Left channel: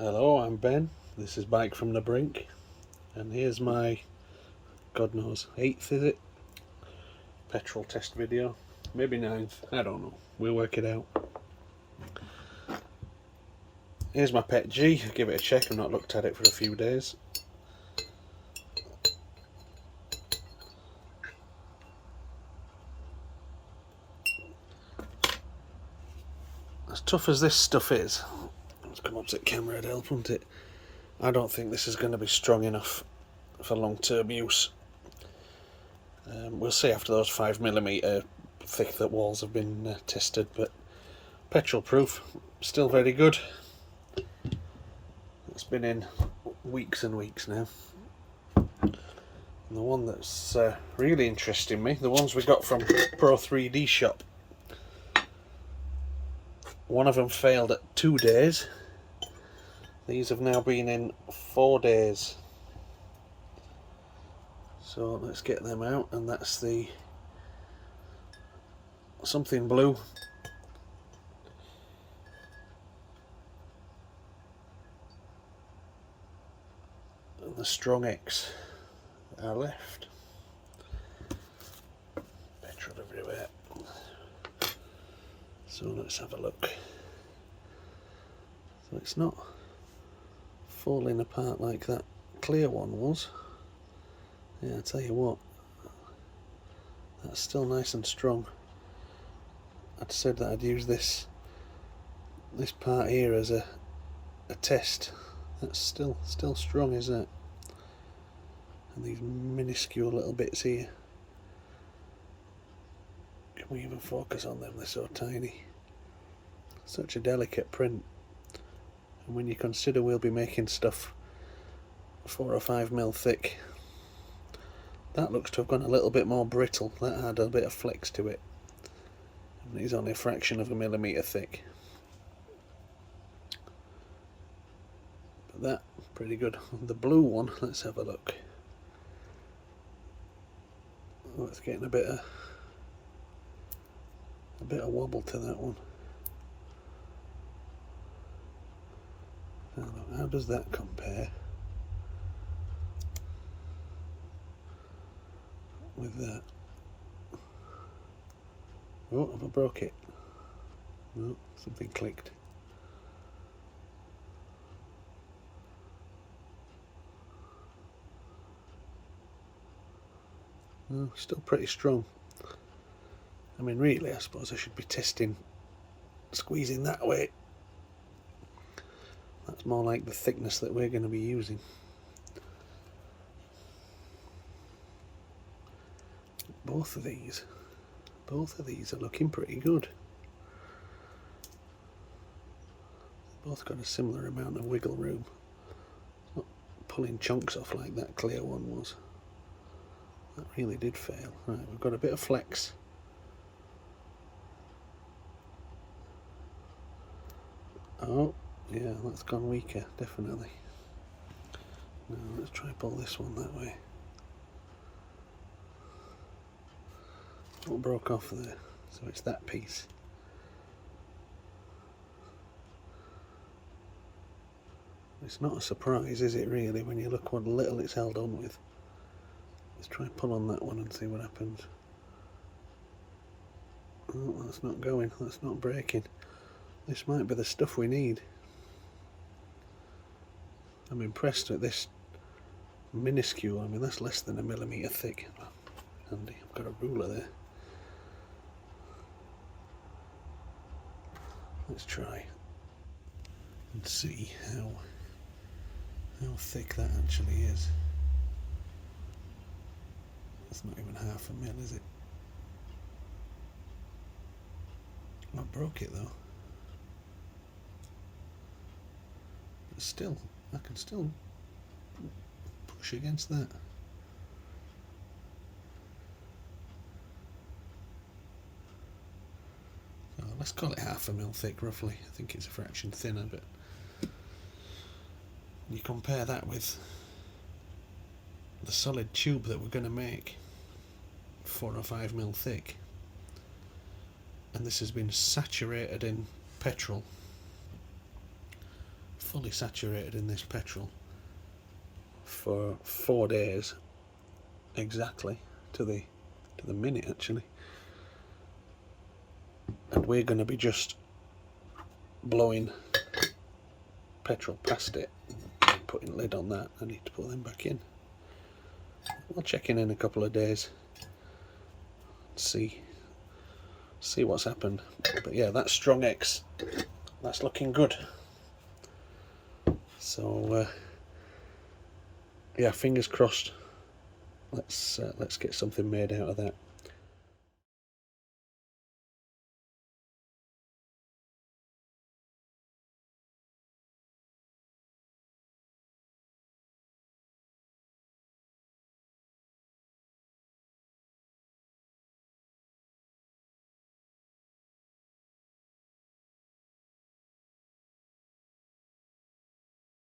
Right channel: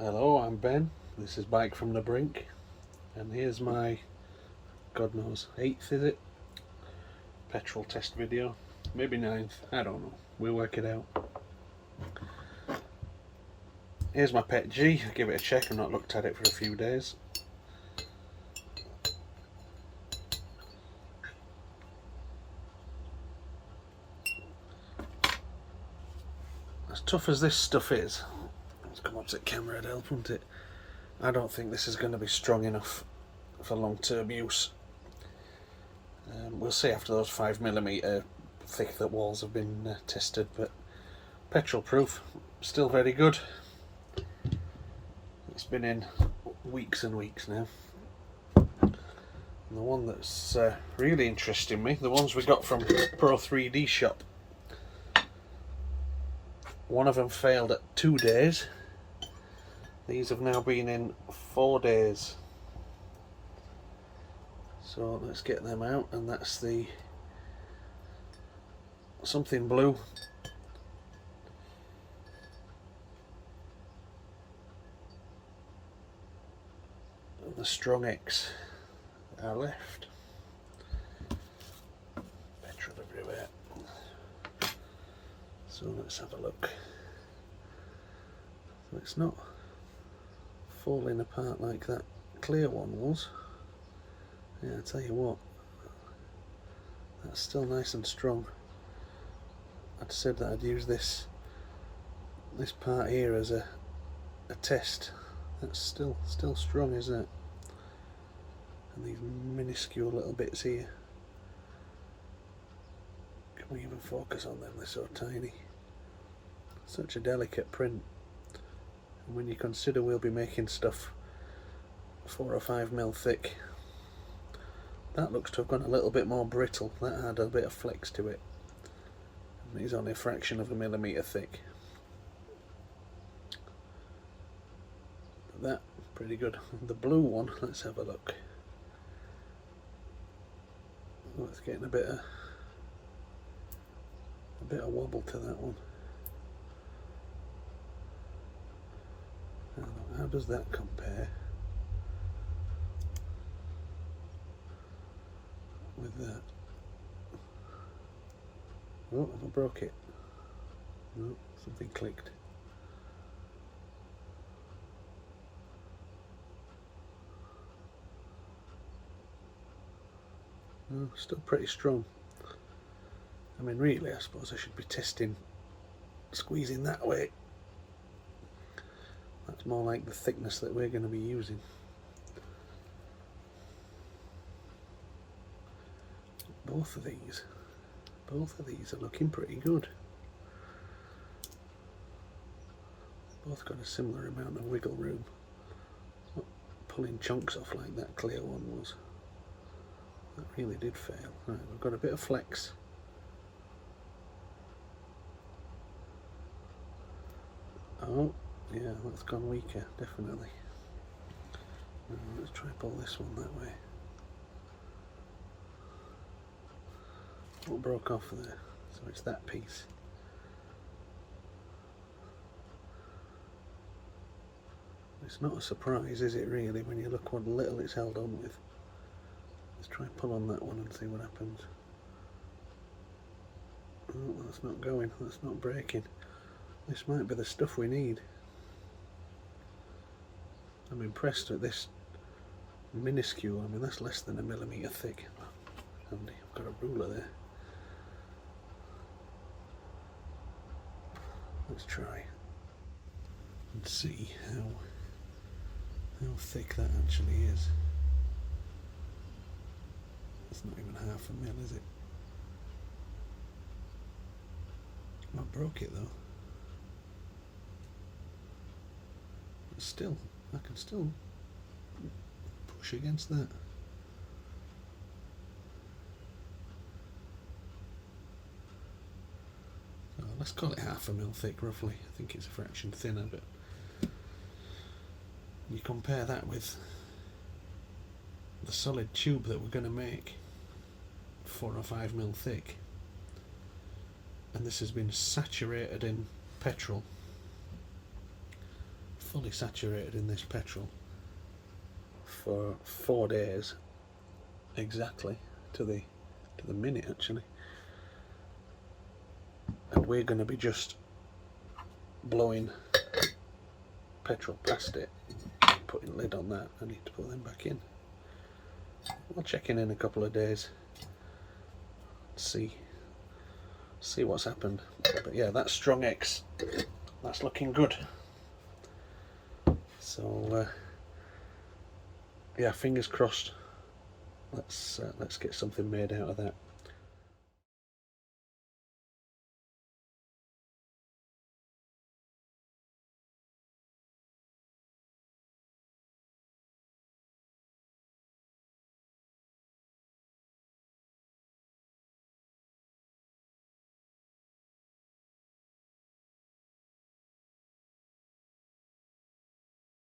Hello, I'm Ben. This is Bike from the Brink, and here's my, God knows, 8th is it? Petrol test video. Maybe 9th, I don't know. We'll work it out. Here's my PETG. Give it a check. I've not looked at it for a few days. As tough as this stuff is, let's come up to the camera to help, won't it? I don't think this is going to be strong enough for long-term use. We'll see after those 5mm thick that walls have been tested, but petrol proof, still very good. It's been in weeks and weeks now. And the one that's really interesting me, the ones we got from Pro 3D shop. One of them failed at 2 days. These have now been in 4 days. So let's get them out, and that's the something blue. And the Strong X are left. Petrol everywhere. So let's have a look. So it's not falling apart like that clear one was. Yeah, I tell you what, that's still nice and strong. I'd said that I'd use this part here as a test. That's still strong, isn't it? And these minuscule little bits here. Can we even focus on them? They're so tiny. Such a delicate print. And when you consider we'll be making stuff 4 or 5mm thick, that looks to have gone a little bit more brittle. That had a bit of flex to it. And it's only a fraction of a millimetre thick. But that, pretty good. The blue one, let's have a look. Oh, it's getting a bit of wobble to that one. How does that compare with that? Oh, have I broke it? No, something clicked. No, still pretty strong. I mean, really, I suppose I should be testing squeezing that way. That's more like the thickness that we're going to be using. Both of these are looking pretty good. Both got a similar amount of wiggle room. Not pulling chunks off like that clear one was. That really did fail. Right, we've got a bit of flex. Oh, yeah, that's gone weaker, definitely. Now, let's try pull this one that way. What broke off there? So it's that piece. It's not a surprise, is it really, when you look what little it's held on with. Let's try and pull on that one and see what happens. Oh, that's not going, that's not breaking. This might be the stuff we need. I'm impressed at this minuscule. I mean, that's less than a millimetre thick. Handy, I've got a ruler there. Let's try and see how thick that actually is. It's not even half a mil, is it? I broke it though. But still, I can still push against that. Oh, let's call it half a mil thick roughly. I think it's a fraction thinner, but you compare that with the solid tube that we're going to make, 4 or 5mm thick, and this has been saturated in petrol fully saturated in this petrol for 4 days exactly to the minute actually, and we're going to be just blowing petrol past it, putting lid on that. I need to put them back in. We'll check in a couple of days, see what's happened. But yeah, that's strong X, that's looking good. So yeah, fingers crossed. Let's get something made out of that.